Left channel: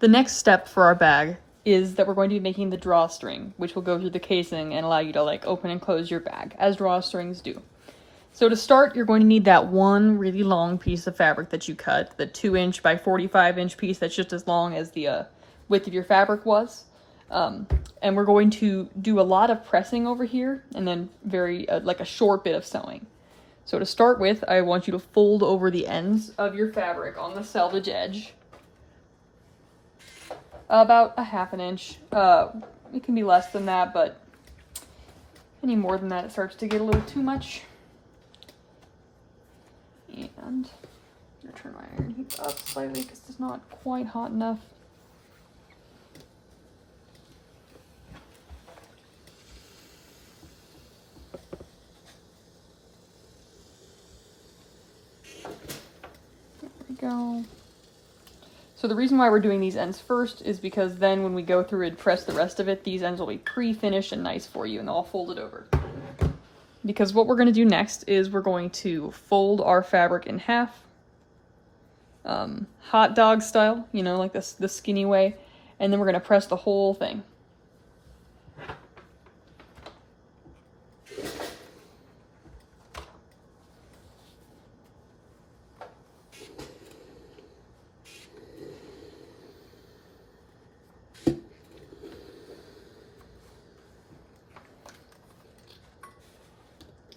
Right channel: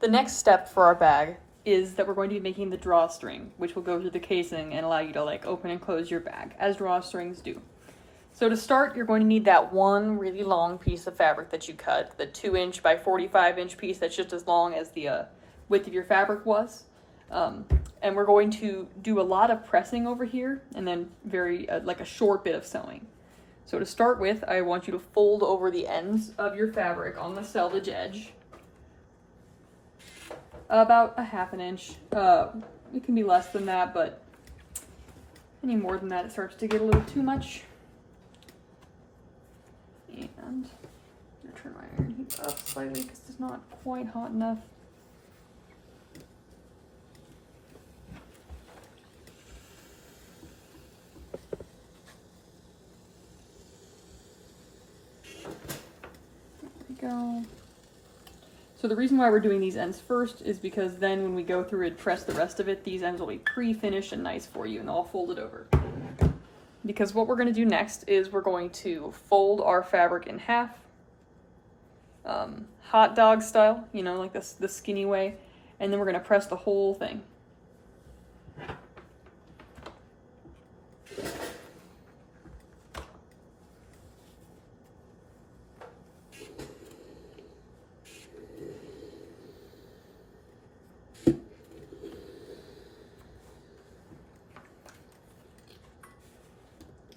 the next step for our bag is that we're going to be making the drawstring, which will go through the casing and allow you to like open and close your bag, as drawstrings do. So to start, you're going to need that one really long piece of fabric that you cut, the 2" by 45" piece that's just as long as the width of your fabric was. And we're going to do a lot of pressing over here and then very like a short bit of sewing. So to start with, I want you to fold over the ends of your fabric on the selvage edge. About a 1/2 inch. It can be less than that, but any more than that, it starts to get a little too much. And I'm gonna turn my iron heat up slightly because it's not quite hot enough. There we go. So the reason why we're doing these ends first is because then when we go through and press the rest of it, these ends will be pre-finished and nice for you, and they'll fold it over. Because what we're going to do next is we're going to fold our fabric in half, hot dog style, you know, like this, the skinny way, and then we're going to press the whole thing.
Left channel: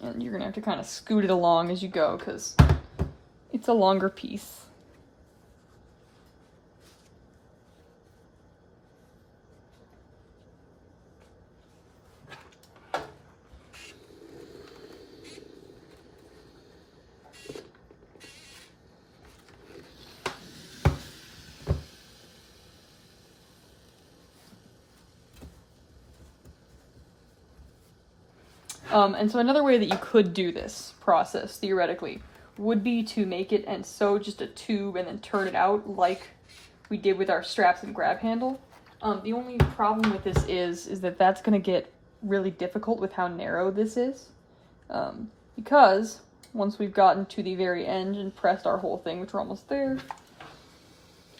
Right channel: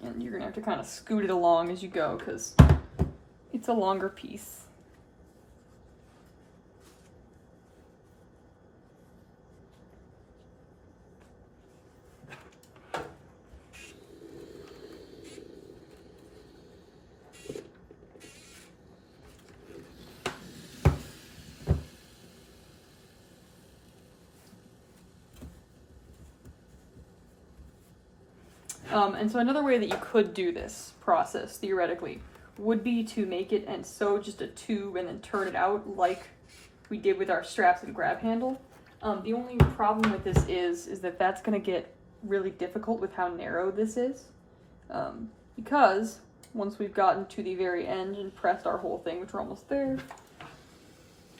And you're gonna have to kind of scoot it along as you go because it's a longer piece. And so another way that you could do this process, theoretically, would be to make it and sew just a tube and then turn it out like we did with our straps and grab handle. The only problem with this is that that's going to get really difficult with how narrow this is. Because once we've gotten to the very end and pressed our whole thing, which we're almost there,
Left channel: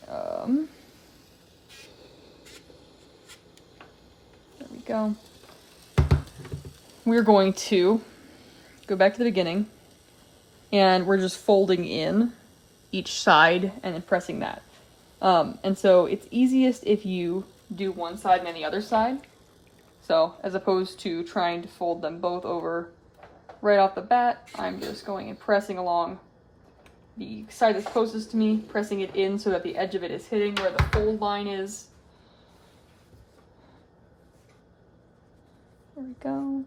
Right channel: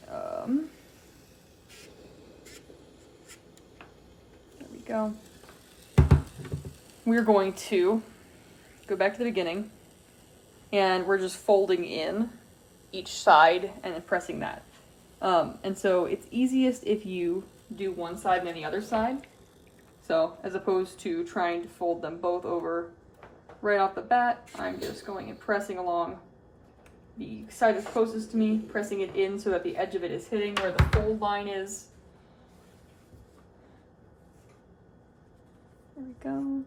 there we go. We're going to go back to the beginning and we're just folding in each side and then pressing that. And so it's easiest if you do one side and then the other side. So as opposed to trying to fold them both over right off the bat, I'm just going and pressing along the side that's closest to me, pressing it in so that the edge of it is hitting where the fold line is. There we go.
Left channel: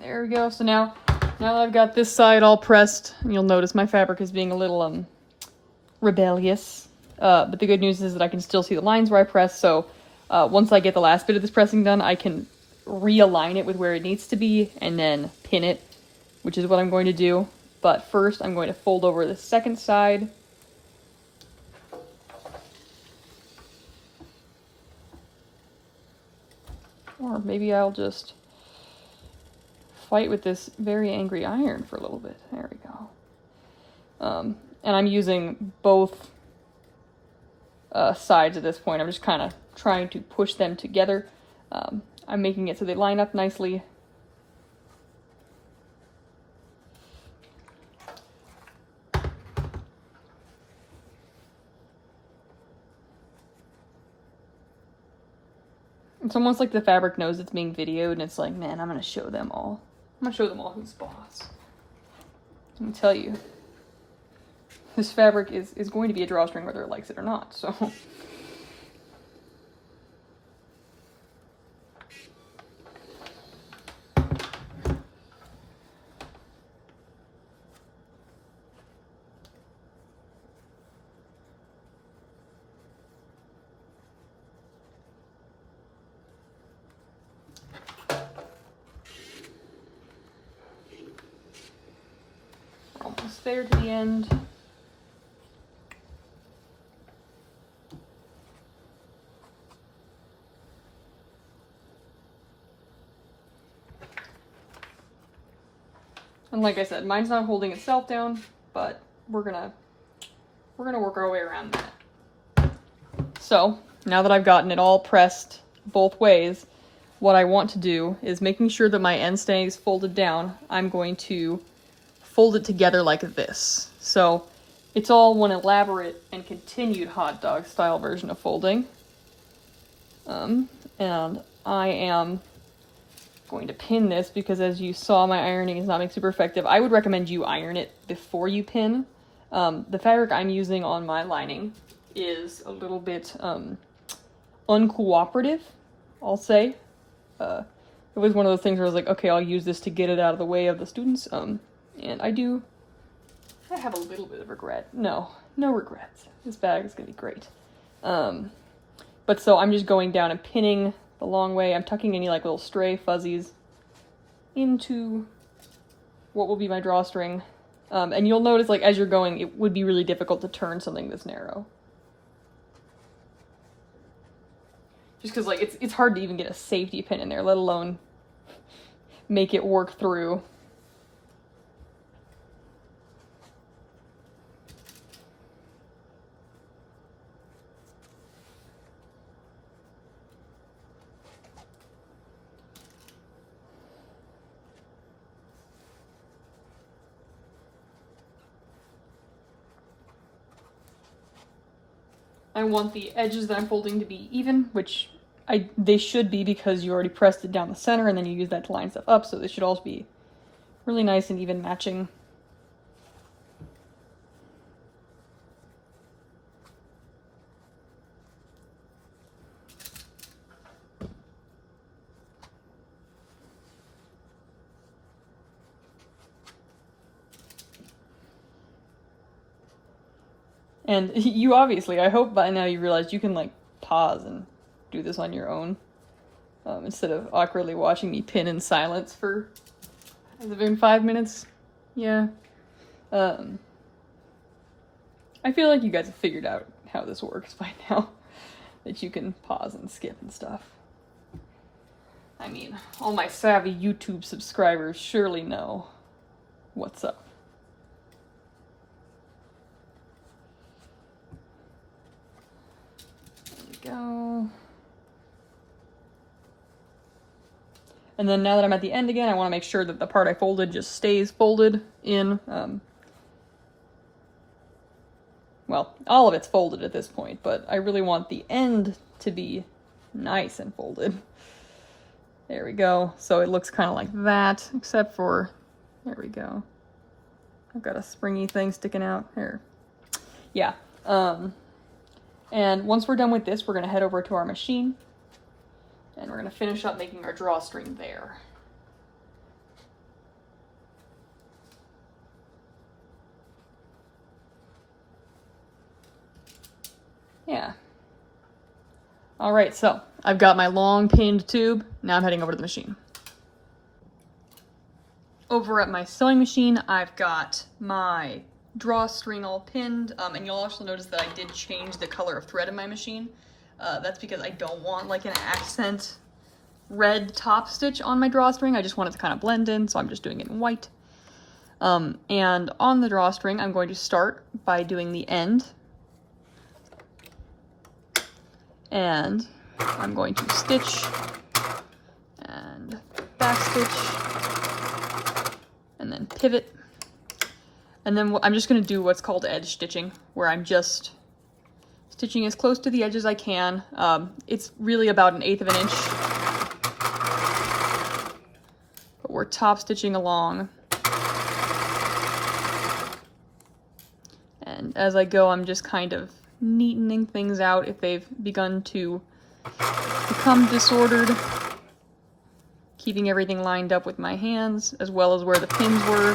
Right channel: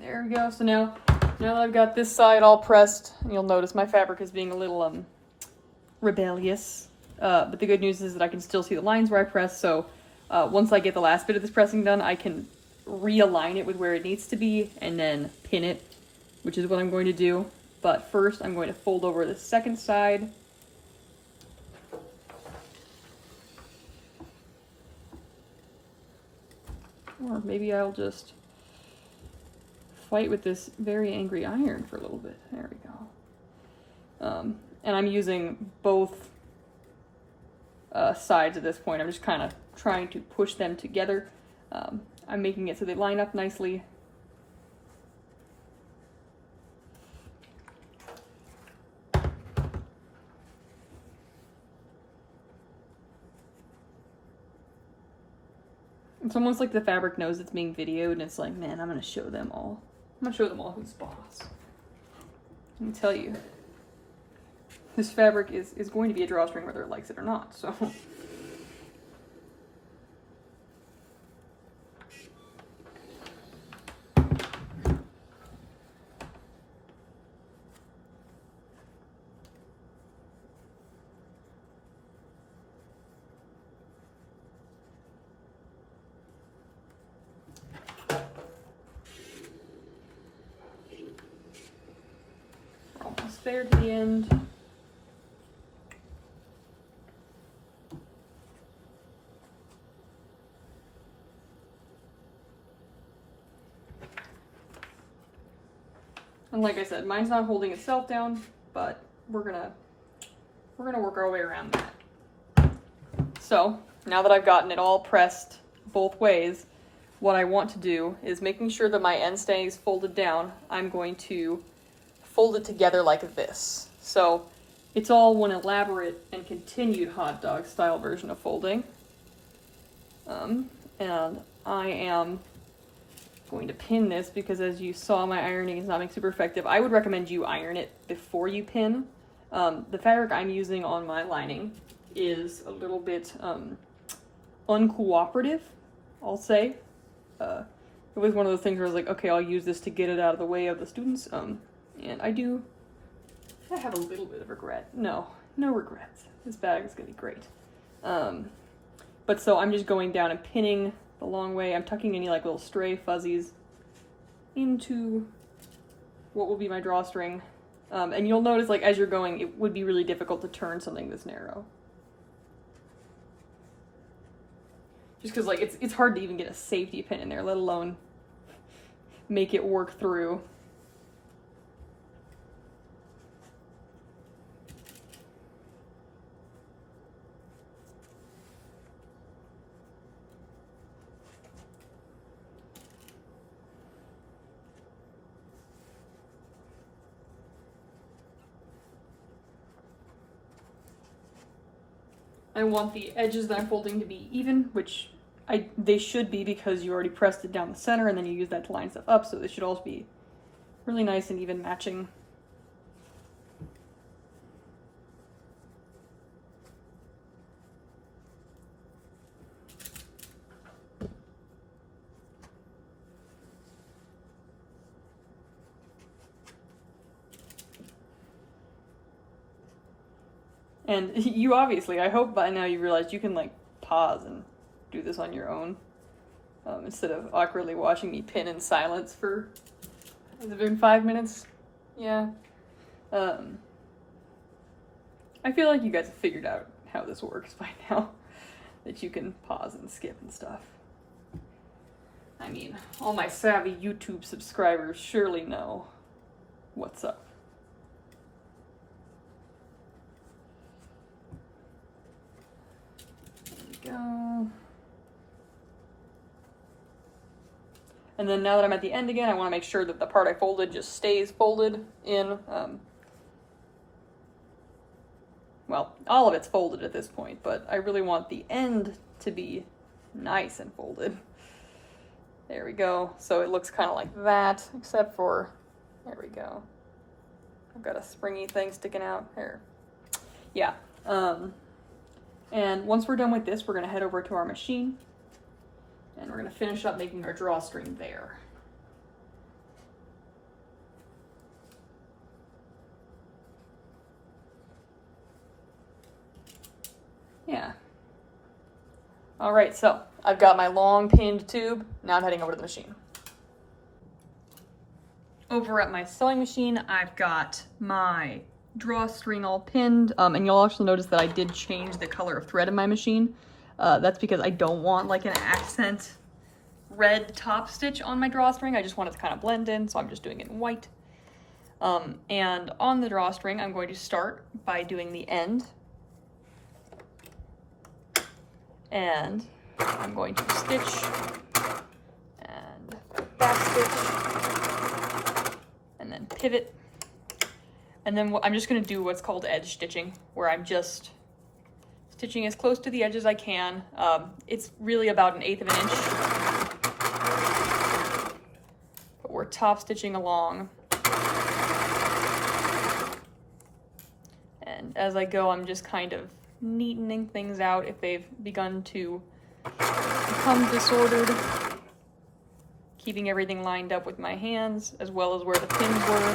There we go. So now that I've got this side all pressed, you'll notice my fabric is being a little rebellious. But the good news is that I can still see the lines where I press. So once I get the last bit of this pressing done, I can realign it with where it needs to be and then pin it, which is what I'm going to do. But first, I'm going to fold over the second side. Or maybe I'll just fight with this very angry iron for a little bit. There we go. And I'm using both sides at this point. I'm just kind of trying to push them together. I'm making it so they line up nicely. It's almost like the fabric knows it's being videoed and it's like, man, I'm gonna show them all. I'm gonna show them all who's boss. Let me tell you, this fabric is going to be a drawstring whether it likes it or not, so. Almost there to the end. And like I said, mine's not holding itself down, but we're gonna work our way around that. So now that I've gotten it all pressed both ways, what I want to do is making sure that my end stays folded down, I'm going to fold it together like this. So it's all one elaborate and continued hot dog style version of folding. And I am going to pin this because, as you saw, my ironing is not being super effective. I would recommend you iron it before you pin. The fabric I'm using on my lining is a little bit uncooperative, I'll say. It was one of those things where I was like, okay, I'll use this to get it out of the way of the students. And I have a little bit of regret. No regrets. This bag is gonna be great. But so I'm just going down and pinning the long way. I'm tucking any like little stray fuzzies into what will be my drawstring. And you'll notice, like, as you're going, it would be really difficult to turn something this narrow. Just because, like, it's hard to even get a safety pin in there, let alone make it work through. I want the edges that I'm folding to be even, which they should be because you already pressed it down the center and then you use that to line stuff up, so they should all be really nice and even matching. And you obviously, I hope by now you realize you can like pause and do this on your own. Instead of awkwardly watching me pin in silence for, has it been 5 minutes? Yeah. I feel like you guys have figured out how this works by now. That you can pause and skip and stuff. I mean, all my savvy YouTube subscribers surely know what's up. Go. And then now that I'm at the end again, I want to make sure that the part I folded just stays folded in. Well, all of it's folded at this point, but I really want the end to be nice and folded. There we go. So it looks kind of like that, except for, there we go. I've got a springy thing sticking out here. Yeah. And once we're done with this, we're going to head over to our machine and we're going to finish up making our drawstring there. Yeah. All right, so I've got my long pinned tube. Now I'm heading over to the machine. Over at my sewing machine, I've got my drawstring all pinned, and you'll also notice that I did change the color of thread in my machine. That's because I don't want like an accent red top stitch on my drawstring. I just want it to kind of blend in, so I'm just doing it in white. And on the drawstring, I'm going to start by doing the end. And I'm going to stitch and back stitch and then pivot. And then I'm just going to do what's called edge stitching, where I'm just stitching as close to the edge as I can. It's really about 1/8 of an inch. But we're top stitching along. And as I go, I'm just kind of neatening things out if they've begun to become disordered. Keeping everything lined up with my hands, as well as where the pins were.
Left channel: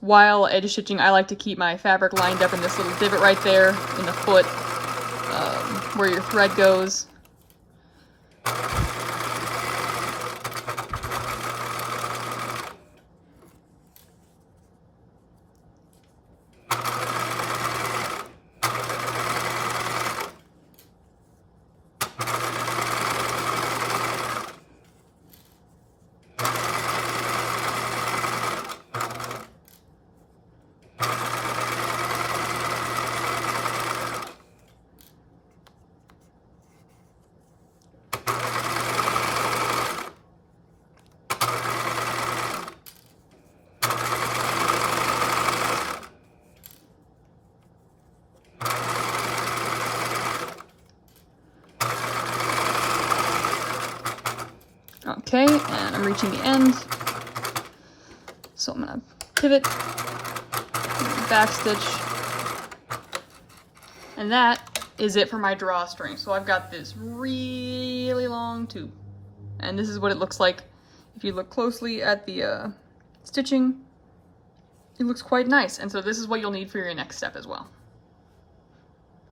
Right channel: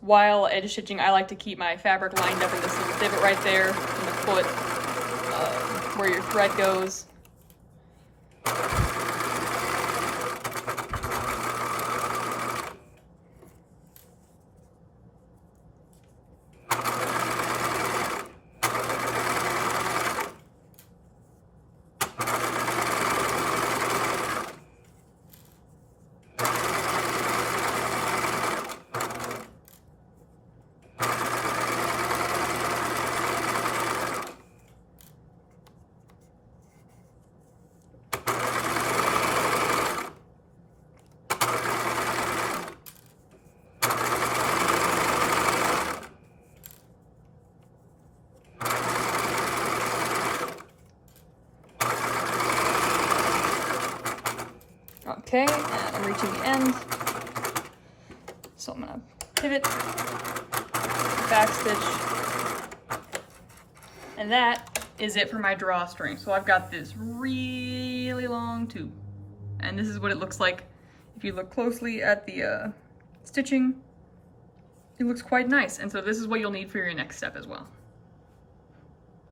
While edge stitching, I like to keep my fabric lined up in this little divot right there in the foot, where your thread goes. Okay, and I'm reaching the end. So I'm gonna pivot, back stitch, and that is it for my drawstring. So I've got this really long tube, and this is what it looks like. If you look closely at the stitching, it looks quite nice, and so this is what you'll need for your next step as well.